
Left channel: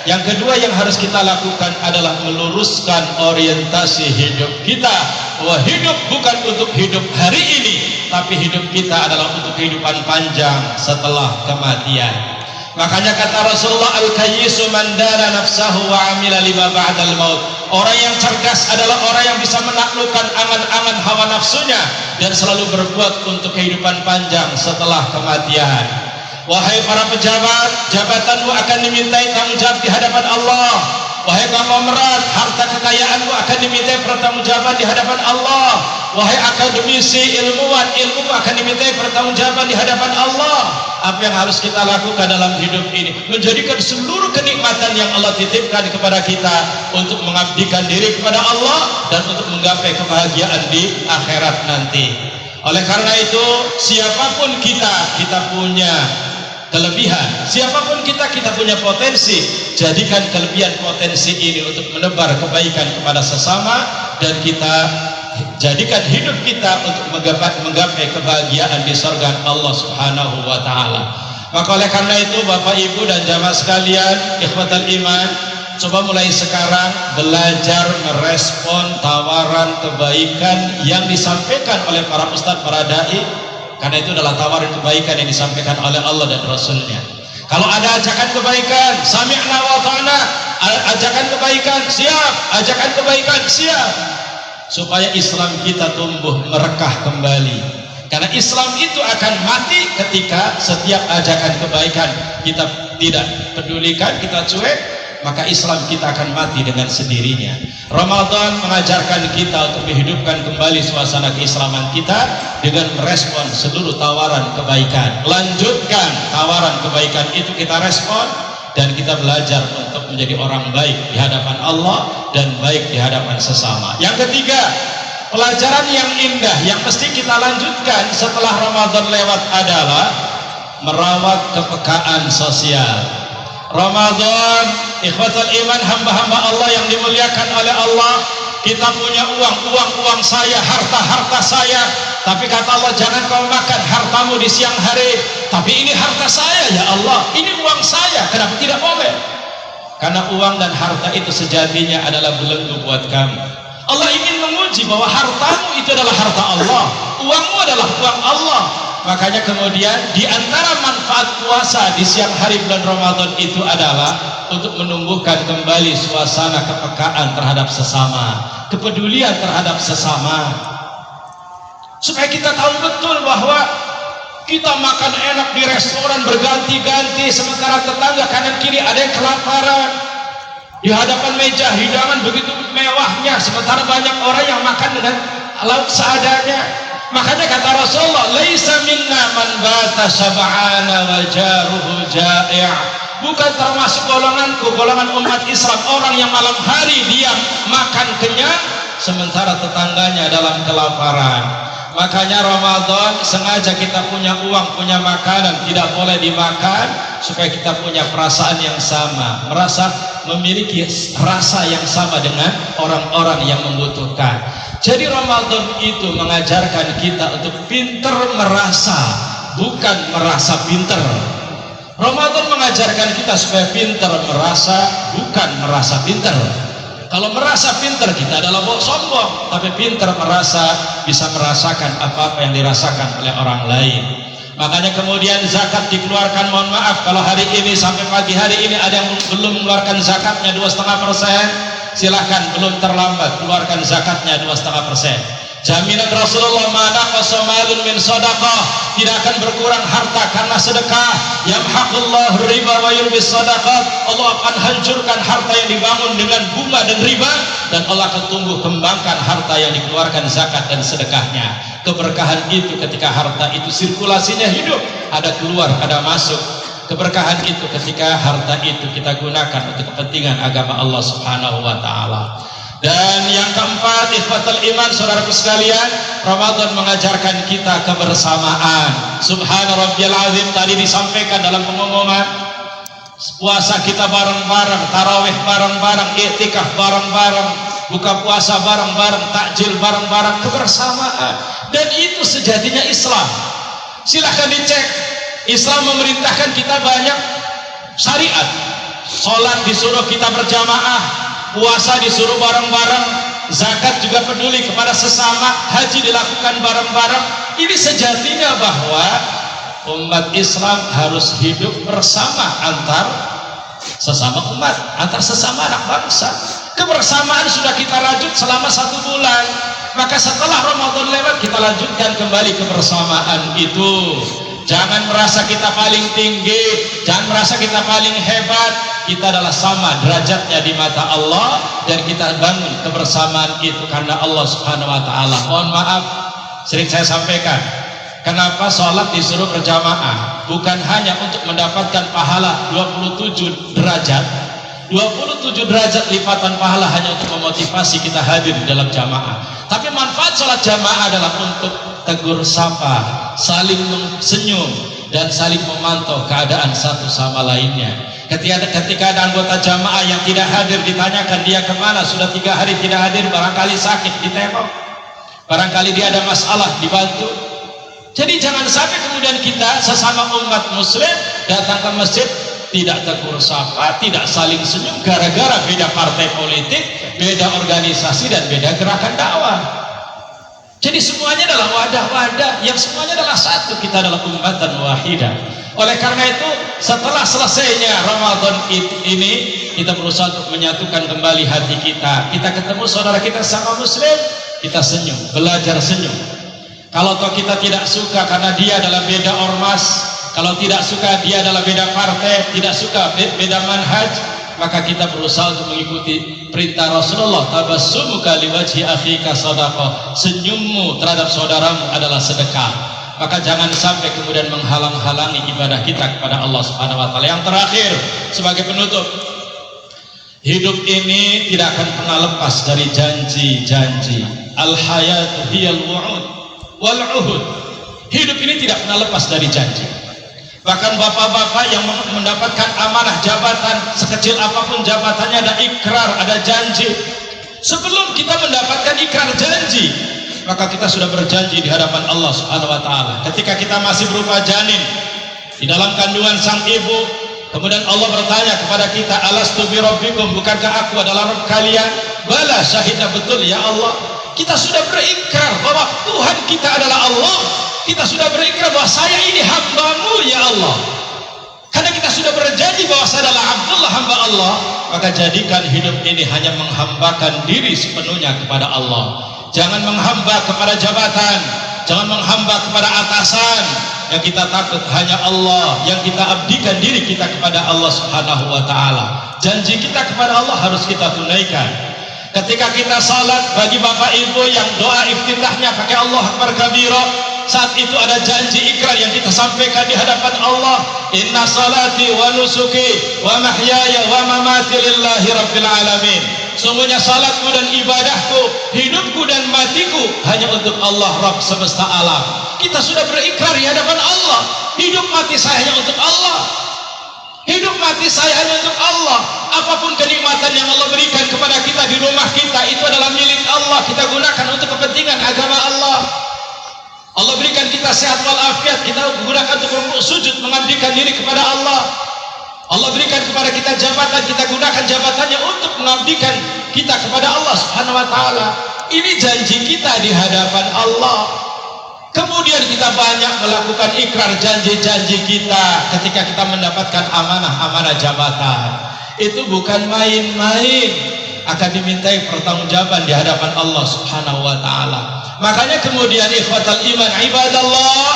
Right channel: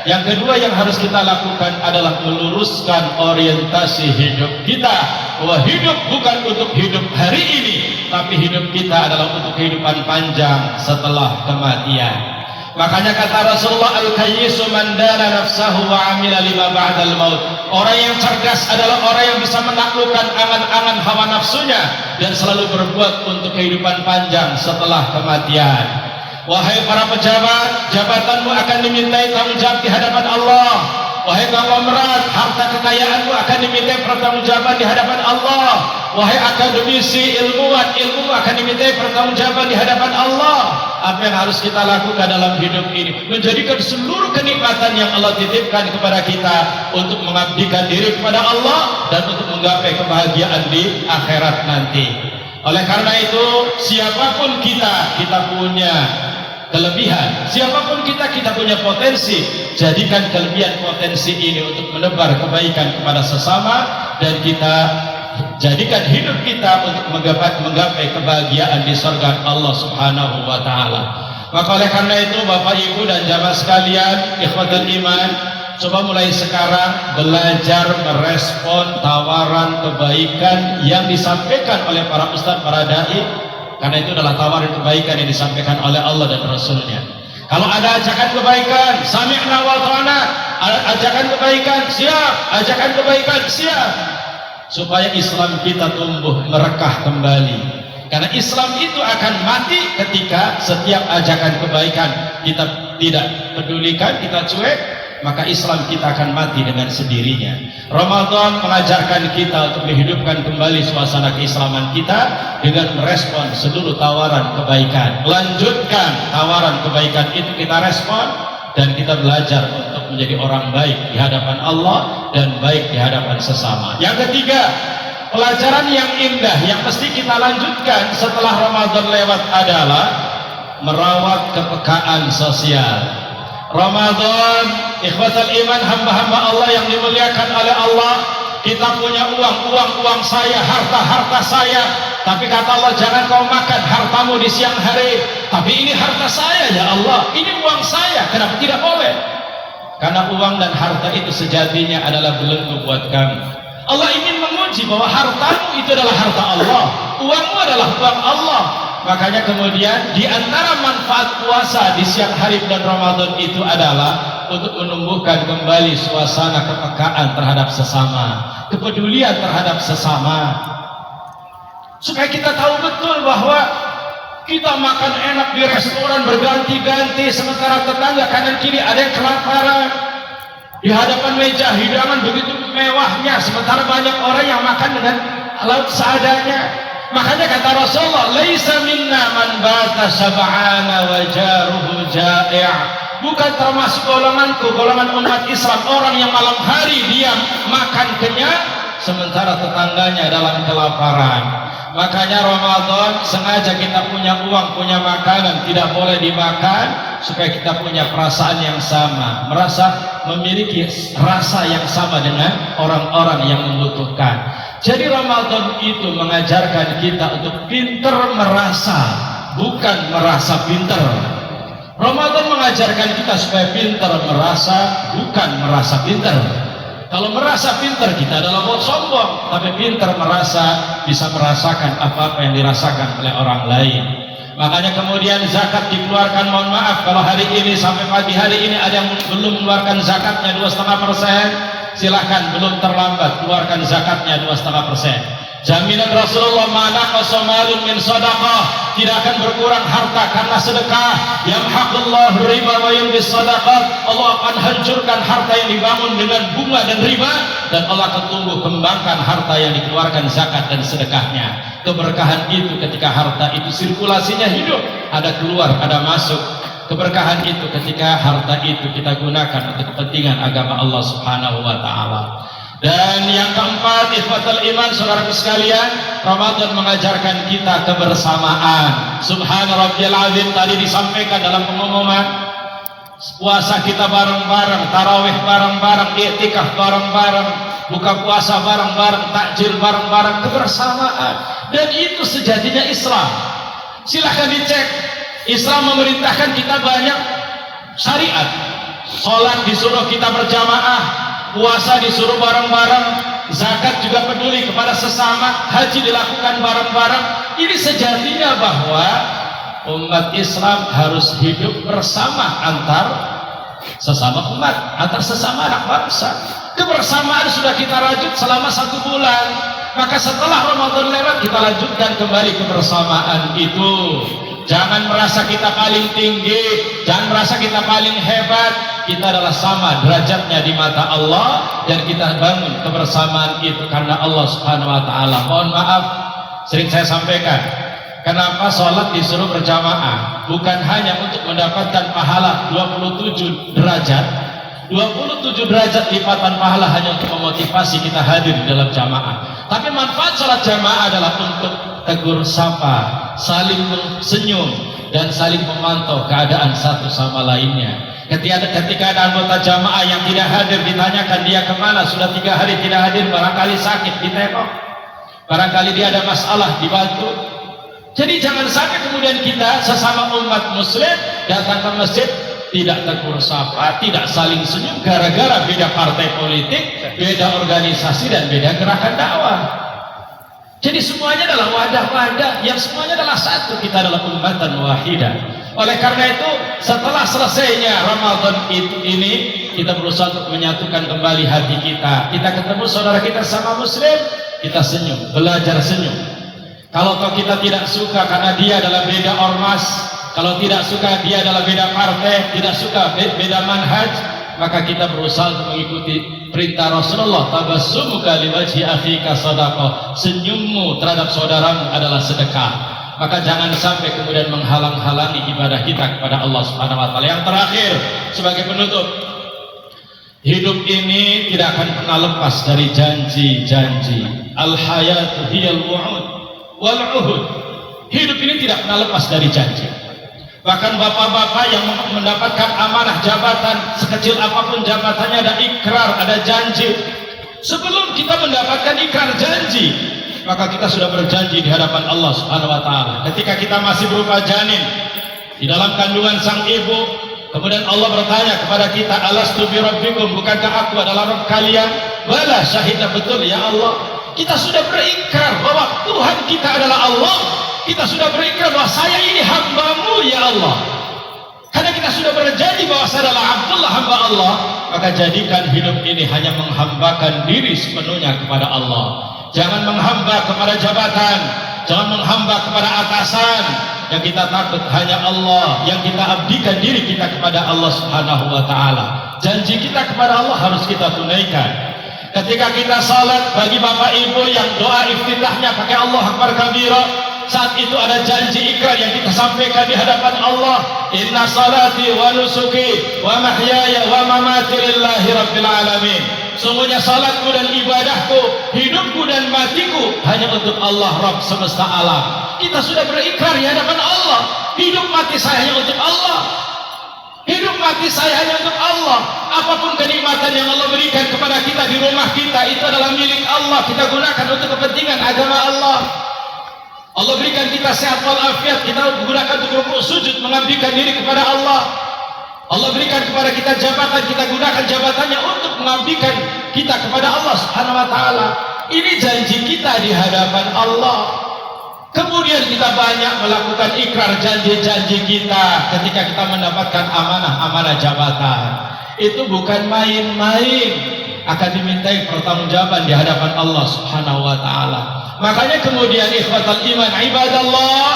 yang kedua yang harus kita lakukan adalah meluruskan orientasi hidup kita, bahwa hidup bukan untuk hidup hari ini, tapi hidup kita adalah untuk kehidupan panjang setelah kematian. Makanya kata Rasulullah, al-kayyisu man dana nafsahu wa amila lima ba'dal maut. Orang yang cerdas adalah orang yang bisa menaklukkan angan-angan hawa nafsunya dan selalu berbuat untuk kehidupan panjang setelah kematian. Wahai para pejabat, jabatanmu akan dimintai tanggung jawab di hadapan Allah. Wahai konglomerat, harta kekayaanmu akan dimintai pertanggungjawaban di hadapan Allah. Wahai akademisi, ilmuwan, ilmu akan dimintai pertanggungjawaban di hadapan Allah. Apa yang harus kita lakukan dalam hidup ini? Menjadikan seluruh kenikmatan yang Allah titipkan kepada kita untuk mengabdikan diri kepada Allah dan untuk menggapai kebahagiaan di akhirat nanti. Oleh karena itu, siapapun kita punya kelebihan, siapapun kita punya potensi. Jadikan kelebihan potensi ini untuk menebar kebaikan kepada sesama, dan kita jadikan hidup kita untuk menggapai kebahagiaan di surga Allah Subhanahu wa taala. Maka oleh karena itu, Bapak Ibu dan jamaah sekalian, ikhwatul iman, coba mulai sekarang belajar merespon tawaran kebaikan yang disampaikan oleh para ustadz, para dai. Karena itu adalah tawaran kebaikan yang disampaikan oleh Allah dan Rasulnya. Kalau ada ajakan kebaikan, sami'na wa ta'na, ajakan kebaikan siap, ajakan kebaikan siap, supaya Islam kita tumbuh merekah kembali. Karena Islam itu akan mati ketika setiap ajakan kebaikan kita tidak pedulikan, kita cuek, maka Islam kita akan mati dengan sendirinya. Ramadan mengajarkan kita untuk menghidupkan kembali suasana keislaman kita dengan merespon seluruh tawaran kebaikan. Lanjutkan tawaran kebaikan itu, kita respon, dan kita belajar untuk menjadi orang baik di hadapan Allah dan baik di hadapan sesama. Yang ketiga, pelajaran yang indah yang mesti kita lanjutkan setelah Ramadan lewat adalah merawat kepekaan sosial. Ramadan, ikhwatul iman, hamba-hamba Allah yang dimuliakan oleh Allah, kita punya uang saya, harta saya, tapi kata Allah, jangan kau makan hartamu di siang hari. Tapi ini harta saya ya Allah, ini uang saya, kenapa tidak boleh? Karena uang dan harta itu sejatinya adalah belenggu buat kamu. Allah ingin menguji bahwa hartamu itu adalah harta Allah, uangmu adalah uang Allah. Makanya kemudian di antara manfaat puasa di siang hari bulan Ramadan itu adalah untuk menumbuhkan kembali suasana kepekaan terhadap sesama, kepedulian terhadap sesama, supaya kita tahu betul bahwa kita makan enak di restoran berganti-ganti, sementara tetangga kanan kiri ada yang kelaparan. Di hadapan meja hidangan begitu mewahnya, sementara banyak orang yang makan dengan lauk seadanya. Makanya kata Rasulullah, laisa minna man bata sab'ana wa jaruhu ja'i'. Bukan termasuk golonganku, golongan umat Islam, orang yang malam hari dia makan kenyang sementara tetangganya dalam kelaparan. Makanya Ramadan sengaja kita punya uang, punya makanan, tidak boleh dimakan supaya kita punya perasaan yang sama, merasa memiliki rasa yang sama dengan orang-orang yang membutuhkan. Jadi Ramadan itu mengajarkan kita untuk pinter merasa, bukan merasa pinter. Ramadan mengajarkan kita supaya pinter merasa, bukan merasa pinter. Kalau merasa pinter kita adalah sombong, tapi pinter merasa bisa merasakan apa-apa yang dirasakan oleh orang lain. Makanya kemudian zakat dikeluarkan, mohon maaf kalau hari ini sampai pagi hari ini ada yang belum mengeluarkan zakatnya 2,5%. Silahkan, belum terlambat, keluarkan zakatnya 2,5%. Jaminan Rasulullah, mana qasamalun min sadaqah, tidak akan berkurang harta karena sedekah. Yamhaqullahu riba wa yurbis sadaqat, Allah akan hancurkan harta yang dibangun dengan bunga dan riba, dan Allah akan tumbuh kembangkan harta yang dikeluarkan zakat dan sedekahnya. Keberkahan itu ketika harta itu sirkulasinya hidup, ada keluar, ada masuk. Keberkahan itu ketika harta itu kita gunakan untuk kepentingan agama Allah Subhanahu wa taala. Dan yang keempat, ikhwatul iman, saudaraku sekalian, Ramadan mengajarkan kita kebersamaan. Subhana rabbiyal azim tadi disampaikan dalam pengumuman. Puasa kita bareng-bareng, tarawih bareng-bareng, iktikaf bareng-bareng, buka puasa bareng-bareng, takjil bareng-bareng, kebersamaan. Dan itu sejatinya Islam. Silahkan dicek. Islam memerintahkan kita banyak syariat. Sholat disuruh kita berjamaah, puasa disuruh bareng-bareng, zakat juga peduli kepada sesama, haji dilakukan bareng-bareng. Ini sejatinya bahwa umat Islam harus hidup bersama antar sesama umat, antar sesama anak bangsa. Kebersamaan sudah kita rajut selama 1 bulan, maka setelah Ramadan lewat kita lanjutkan kembali kebersamaan itu. Jangan merasa kita paling tinggi, jangan merasa kita paling hebat. Kita adalah sama derajatnya di mata Allah, dan kita bangun kebersamaan itu karena Allah Subhanahu wa taala. Mohon maaf, sering saya sampaikan, kenapa sholat disuruh berjamaah? Bukan hanya untuk mendapatkan pahala 27 derajat, 27 derajat lipatan pahala hanya untuk memotivasi kita hadir di dalam jamaah. Tapi manfaat sholat jamaah adalah untuk tegur sapa, saling senyum, dan saling memantau keadaan satu sama lainnya. Ketika ada anggota jamaah yang tidak hadir, ditanyakan dia kemana, sudah 3 hari tidak hadir, barangkali sakit, ditengok, barangkali dia ada masalah, dibantu. Jadi jangan sampai kemudian kita sesama umat muslim datang ke masjid tidak tegur sapa, tidak saling senyum gara-gara beda partai politik, beda organisasi, dan beda gerakan dakwah. Jadi semuanya adalah wadah-wadah yang semuanya adalah satu, kita adalah ummatan wahidah. Oleh karena itu, setelah selesainya Ramadan ini, kita berusaha untuk menyatukan kembali hati kita. Kita ketemu saudara kita sama muslim, kita senyum, belajar senyum. Kalau kita tidak suka karena dia adalah beda ormas, kalau tidak suka dia adalah beda partai, tidak suka beda manhaj, maka kita berusaha untuk mengikuti perintah Rasulullah, tabassumuka liwajhi akhika shadaqah, senyummu terhadap saudaramu adalah sedekah. maka jangan sampai kemudian menghalang-halangi ibadah kita kepada Allah Subhanahu wa taala. Yang terakhir sebagai penutup, hidup ini tidak akan pernah lepas dari janji-janji. Al-hayatu hiyal wu'ud wal 'uhud. Hidup ini tidak pernah lepas dari janji. Bahkan bapak-bapak yang mendapatkan amanah jabatan, sekecil apapun jabatannya, ada ikrar, ada janji. Sebelum kita mendapatkan ikrar janji, maka kita sudah berjanji di hadapan Allah Subhanahu wa taala. Ketika kita masih berupa janin di dalam kandungan sang ibu, kemudian Allah bertanya kepada kita, alastu bi rabbikum, bukankah aku adalah Rabb kalian? Bala, syahidna, betul ya Allah. Kita sudah berikrar bahwa Tuhan kita adalah Allah. Kita sudah berikrar bahwa saya ini hamba-Mu ya Allah. Karena kita sudah berjanji bahwa saya adalah Abdullah, hamba Allah, maka jadikan hidup ini hanya menghambakan diri sepenuhnya kepada Allah. Jangan menghamba kepada jabatan, jangan menghamba kepada atasan. Yang kita takut hanya Allah, yang kita abdikan diri kita kepada Allah Subhanahu wa taala. Janji kita kepada Allah harus kita tunaikan. Ketika kita salat, bagi bapak ibu yang doa iftitahnya pakai Allah Akbar kabira, saat itu ada janji ikrar yang kita sampaikan di hadapan Allah. Inna salati wa nusuki wa mahyaya wa mamati lillahi rabbil alamin. Semuanya salatku dan ibadahku, hidupku dan matiku hanya untuk Allah Rabb semesta alam. Kita sudah berikrar di hadapan Allah, hidup mati saya hanya untuk Allah. Hidup mati saya hanya untuk Allah. Apapun kenikmatan yang Allah berikan kepada kita di rumah kita, itu adalah milik Allah. Kita gunakan untuk kepentingan agama Allah. Allah berikan kita sehat walafiat, kita gunakan untuk rukuk sujud, mengabdikan diri kepada Allah. Allah berikan kepada kita jabatan, kita gunakan jabatannya untuk mengabdikan kita kepada Allah Subhanahu wa taala. Ini janji kita di hadapan Allah. Kemudian kita banyak melakukan ikrar janji-janji kita ketika kita mendapatkan amanah-amanah jabatan. Itu bukan main-main, akan dimintai pertanggungjawaban di hadapan Allah Subhanahu wa taala. Makanya kemudian ikhwatal iman ibadallah,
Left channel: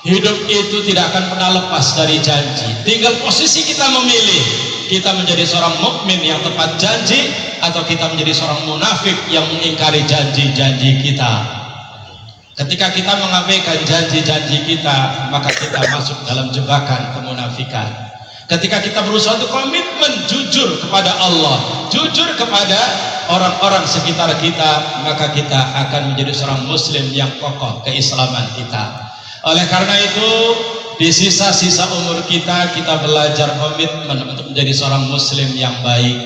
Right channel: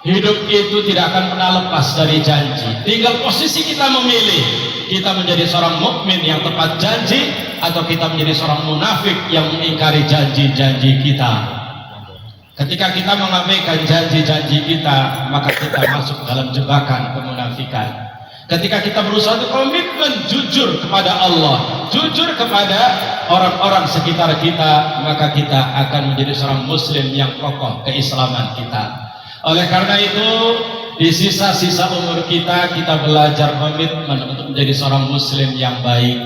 hidup itu tidak akan pernah lepas dari janji. Tinggal posisi kita memilih, kita menjadi seorang mukmin yang tepat janji, atau kita menjadi seorang munafik yang mengingkari janji-janji kita. Ketika kita mengabaikan janji-janji kita, maka kita masuk dalam jebakan kemunafikan. Ketika kita berusaha untuk komitmen jujur kepada Allah, jujur kepada orang-orang sekitar kita, maka kita akan menjadi seorang muslim yang kokoh keislaman kita. Oleh karena itu, di sisa-sisa umur kita, kita belajar komitmen untuk menjadi seorang muslim yang baik.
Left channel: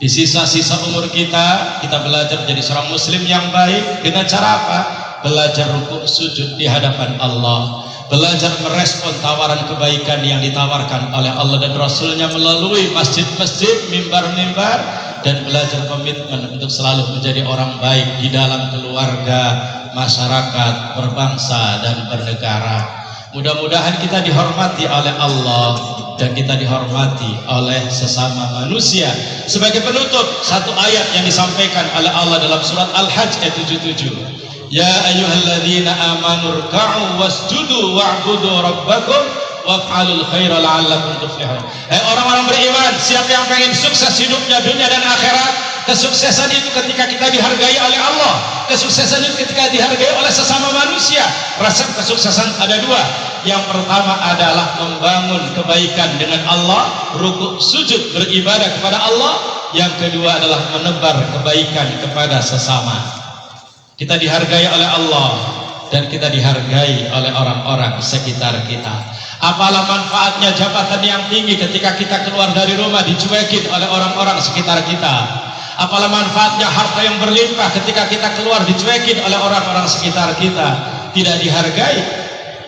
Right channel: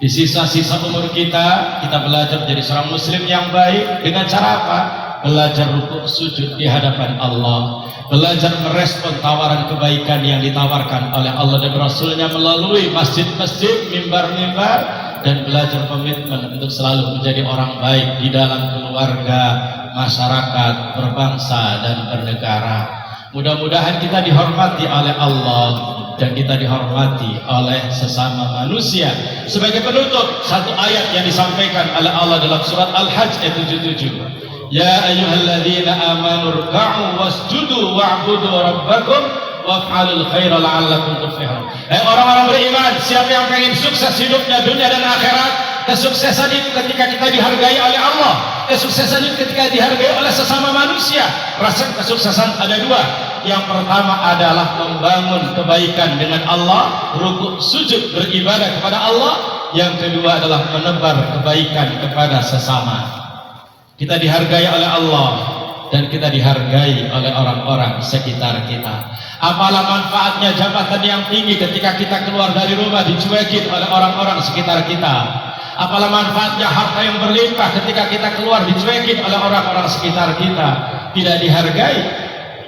Di sisa-sisa umur kita, kita belajar menjadi seorang muslim yang baik. Dengan cara apa? Belajar rukuk sujud di hadapan Allah, belajar merespon tawaran kebaikan yang ditawarkan oleh Allah dan Rasulnya melalui masjid-masjid, mimbar-mimbar, dan belajar komitmen untuk selalu menjadi orang baik di dalam keluarga, masyarakat, berbangsa, dan bernegara. Mudah-mudahan kita dihormati oleh Allah dan kita dihormati oleh sesama manusia. Sebagai penutup, satu ayat yang disampaikan oleh Allah dalam surat Al-Hajj ayat 77. Ya ayyuhalladzina amanu ruk'u wasjudu wa'budu rabbakum waf'alul khaira la'allakum tuflihun. Orang-orang beriman, siapa yang pengen sukses hidupnya dunia dan akhirat? Kesuksesan itu ketika kita dihargai oleh Allah, kesuksesan itu ketika dihargai oleh sesama manusia. Resep kesuksesan ada dua. Yang pertama adalah membangun kebaikan dengan Allah, rukuk sujud beribadah kepada Allah. Yang kedua adalah menebar kebaikan kepada sesama. Kita dihargai oleh Allah dan kita dihargai oleh orang-orang sekitar kita. Apalah manfaatnya jabatan yang tinggi ketika kita keluar dari rumah dicuekin oleh orang-orang sekitar kita? Apalah manfaatnya harta yang berlimpah ketika kita keluar dicuekin oleh orang-orang sekitar kita? Tidak dihargai,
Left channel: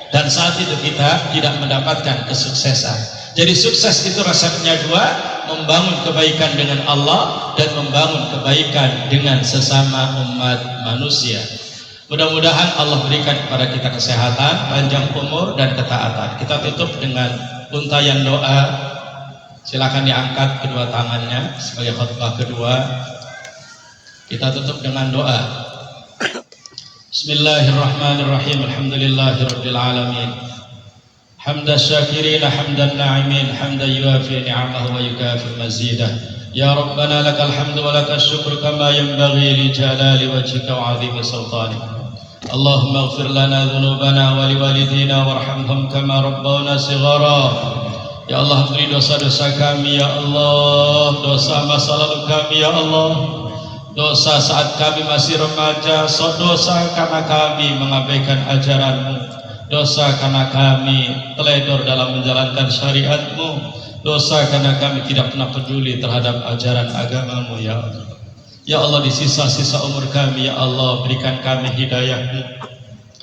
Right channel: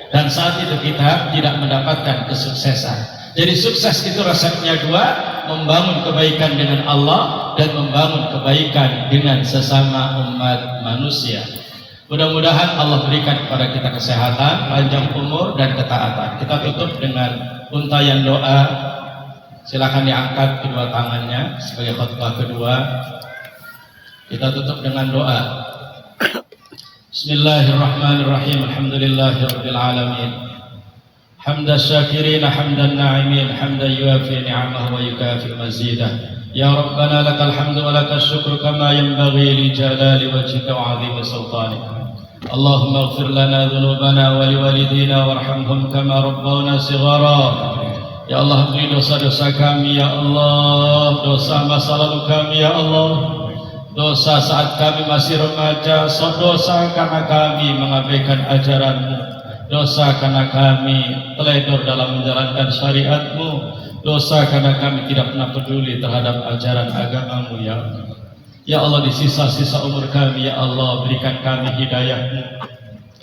dan saat itu kita tidak mendapatkan kesuksesan. Jadi sukses itu resepnya dua, membangun kebaikan dengan Allah dan membangun kebaikan dengan sesama umat manusia. Mudah-mudahan Allah berikan kepada kita kesehatan, panjang umur, dan ketaatan. Kita tutup dengan untayan doa. Silakan diangkat kedua tangannya sebagai khutbah kedua. Kita tutup dengan doa. Bismillahirrahmanirrahim. Alhamdulillahirabbil alamin. حمد الشاكرين حمد الناعمين حمدا يوافي نعمه ويكافئ مزيده يا ربنا لك الحمد ولك الشكر كما ينبغي لجلال وجهك وعظيم سلطانك اللهم اغفر لنا ذنوبنا ولوالدينا وارحمهم كما ربونا صغارا. Ya Allah, ampuni dosa-dosa kami ya Allah, dosa masa lalu kami ya Allah, dosa saat kami masih remaja, dosa karena kami mengabaikan ajaran-Mu, dosa karena kami teledor dalam menjalankan syariat-Mu, dosa karena kami tidak pernah peduli terhadap ajaran agama-Mu ya Allah. Ya Allah, di sisa-sisa umur kami ya Allah, berikan kami hidayah-Mu,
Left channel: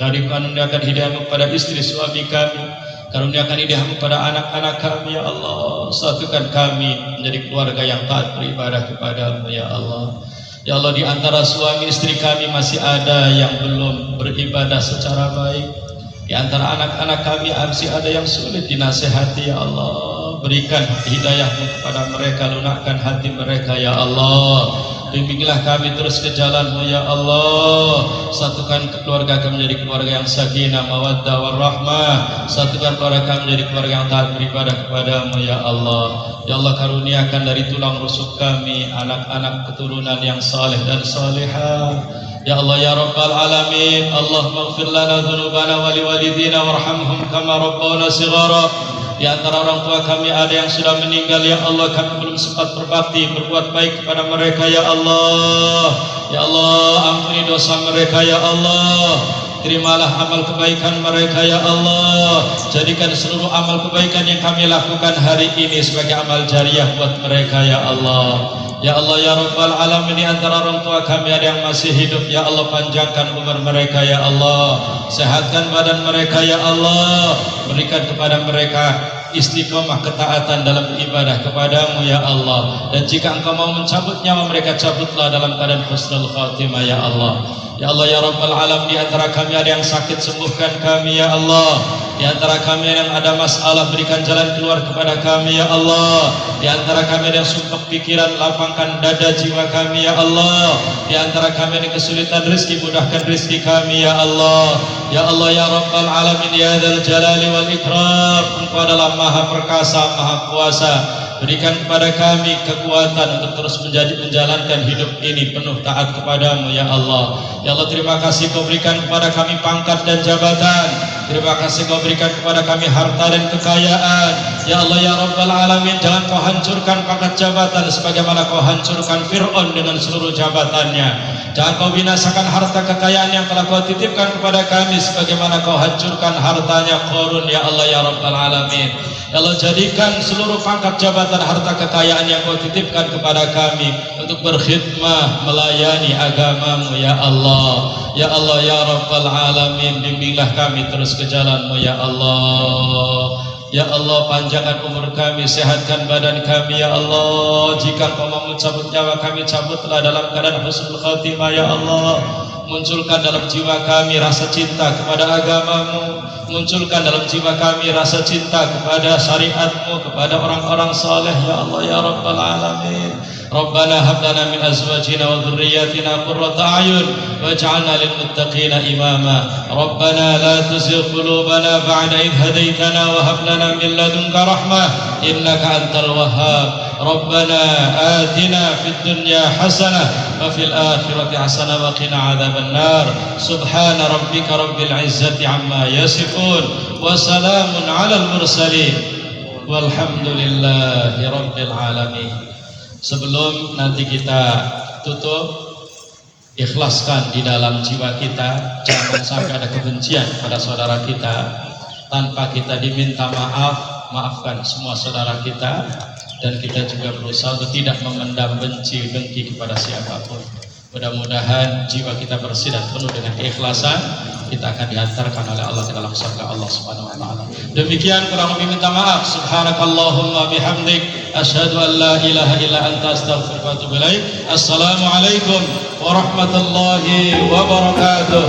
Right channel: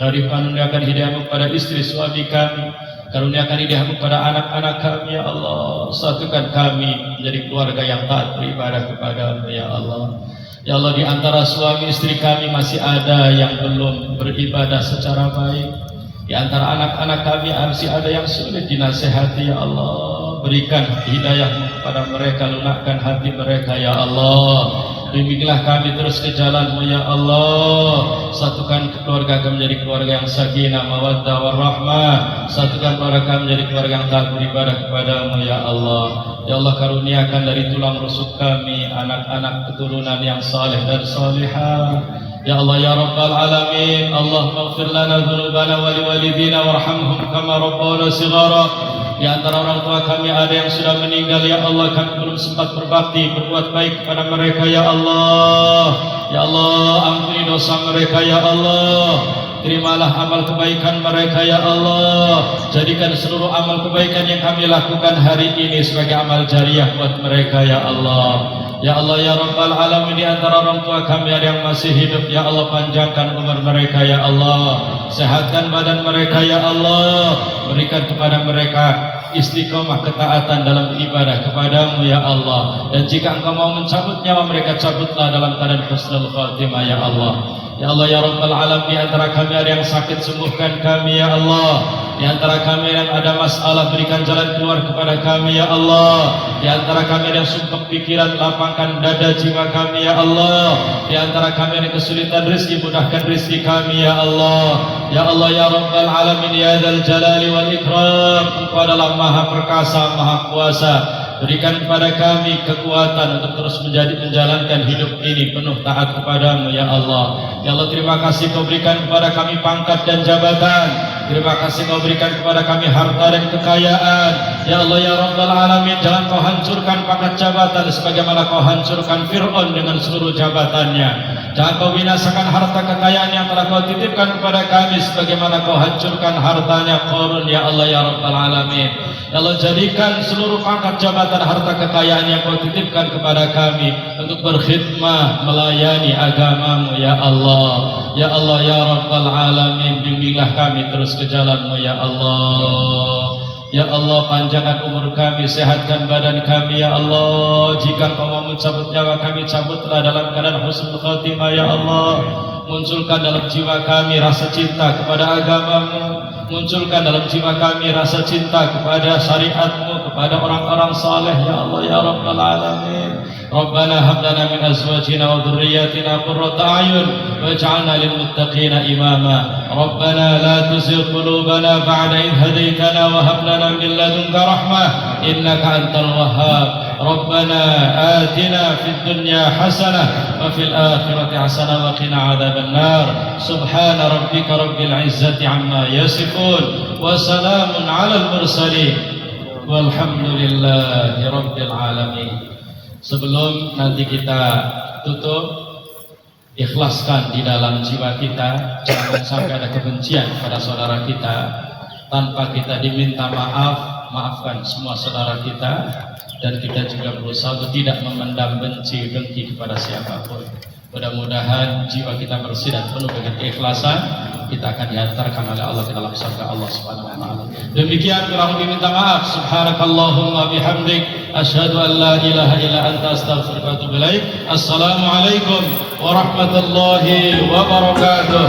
karuniakan hidayah-Mu kepada istri suami kami, karuniakan hidayah-Mu kepada anak-anak kami ya Allah. Satukan kami menjadi keluarga yang taat beribadah kepada-Mu ya Allah. Ya Allah, di antara suami istri kami masih ada yang belum beribadah secara baik. Di antara anak-anak kami masih ada yang sulit dinasihati ya Allah. Berikan hidayah-Mu kepada mereka, lunakkan hati mereka ya Allah. Bimbinglah kami terus ke jalan-Mu ya Allah. Satukan keluarga kami menjadi keluarga yang sakinah, mawaddah, warahmah. Satukan keluarga kami menjadi keluarga yang taat beribadah kepada-Mu ya Allah. Ya Allah, karuniakan dari tulang rusuk kami anak-anak keturunan yang saleh dan salihah. Ya Allah ya Rabbal Alamin. Allahumma ighfir lana dhunubana wa liwalidina warhamhum kama rabbana shighara. Di antara orang tua kami ada yang sudah meninggal ya Allah, kami belum sempat berbakti berbuat baik kepada mereka ya Allah. Ya Allah, ampuni dosa mereka ya Allah. Terimalah amal kebaikan mereka ya Allah. Jadikan seluruh amal kebaikan yang kami lakukan hari ini sebagai amal jariah buat mereka ya Allah. Ya Allah ya Rabbal Alamin, di antara orang tua kami ada yang masih hidup ya Allah, panjangkan umur mereka ya Allah, sehatkan badan mereka ya Allah, berikan kepada mereka istiqomah ketaatan dalam beribadah kepada-Mu ya Allah. Dan jika Engkau mau mencabut nyawa mereka, cabutlah dalam keadaan husnul khatimah ya Allah. Ya Allah ya Rabbal Alamin, di antara kami ada yang sakit, sembuhkan kami ya Allah. Di antara kami yang ada masalah, berikan jalan keluar kepada kami ya Allah. Di antara kami yang sumpah pikiran, lapangkan dada jiwa kami ya Allah. Di antara kami yang kesulitan rezeki, mudahkan rezeki kami ya Allah. Ya Allah ya Rabbal Alamin, ya Dzal Jalali wal Ikram, Engkau adalah Maha Perkasa, Maha Kuasa. Berikan kepada kami kekuatan untuk terus menjalankan hidup ini penuh taat kepada-Mu ya Allah. Ya Allah, terima kasih Kau berikan kepada kami pangkat dan jabatan. Terima kasih Kau berikan kepada kami harta dan kekayaan. Ya Allah ya Rabbal Alamin, jangan Kau hancurkan pangkat jabatan sebagaimana Kau hancurkan Fir'aun dengan seluruh jabatannya. Jangan Kau binasakan harta kekayaan yang telah Kau titipkan kepada kami sebagaimana Kau hancurkan hartanya Qarun ya Allah ya Rabbal Alamin. Ya Allah, jadikan seluruh pangkat jabatan, harta kekayaan yang Kau titipkan kepada kami untuk berkhidmah melayani agama-Mu ya Allah. Ya Allah ya Rabbal Alamin, bimbinglah kami terus ke jalan-Mu ya Allah. Ya Allah, panjangkan umur kami, sehatkan badan kami ya Allah. Jika Kau mau mencabut nyawa kami, cabutlah dalam keadaan husnul khatimah ya Allah. Munculkan dalam jiwa kami rasa cinta kepada agama-Mu, munculkan dalam jiwa kami rasa cinta kepada syariat-Mu, kepada orang-orang saleh ya Allah ya Rabbal Alamin. Rabbana hab lana min azwajina wa dhurriyyatina qurrata a'yun waj'alna lil muttaqina imama. Rabbana la tuzigh qulubana ba'da idh hadaytana wa hab lana min ladunka rahmah innaka antal wahhab. Rabbana atina fid dunya hasanah wa fil akhirati hasanah wa qina adzaban nar. Subhana rabbika rabbil izzati amma yasifun wa salamun 'alal mursalin walhamdulillahi rabbil alamin. Sebelum nanti kita tutup, ikhlaskan di dalam jiwa kita, jangan sampai ada kebencian pada saudara kita. Tanpa kita diminta maaf, maafkan semua saudara kita. Dan kita juga berusaha untuk tidak memendam benci, dengki kepada siapapun. Mudah-mudahan jiwa kita bersih dan penuh dengan keikhlasan, kita akan dihantarkan oleh Allah ke dalam surga Allah Subhanahu wa taala. Demikian, kurang lebih minta maaf. Subhanakallahumma bihamdik, asyhadu an la ilaha illa anta, astaghfiruka wa atubu ilaik. Assalamualaikum warahmatullahi wabarakatuh.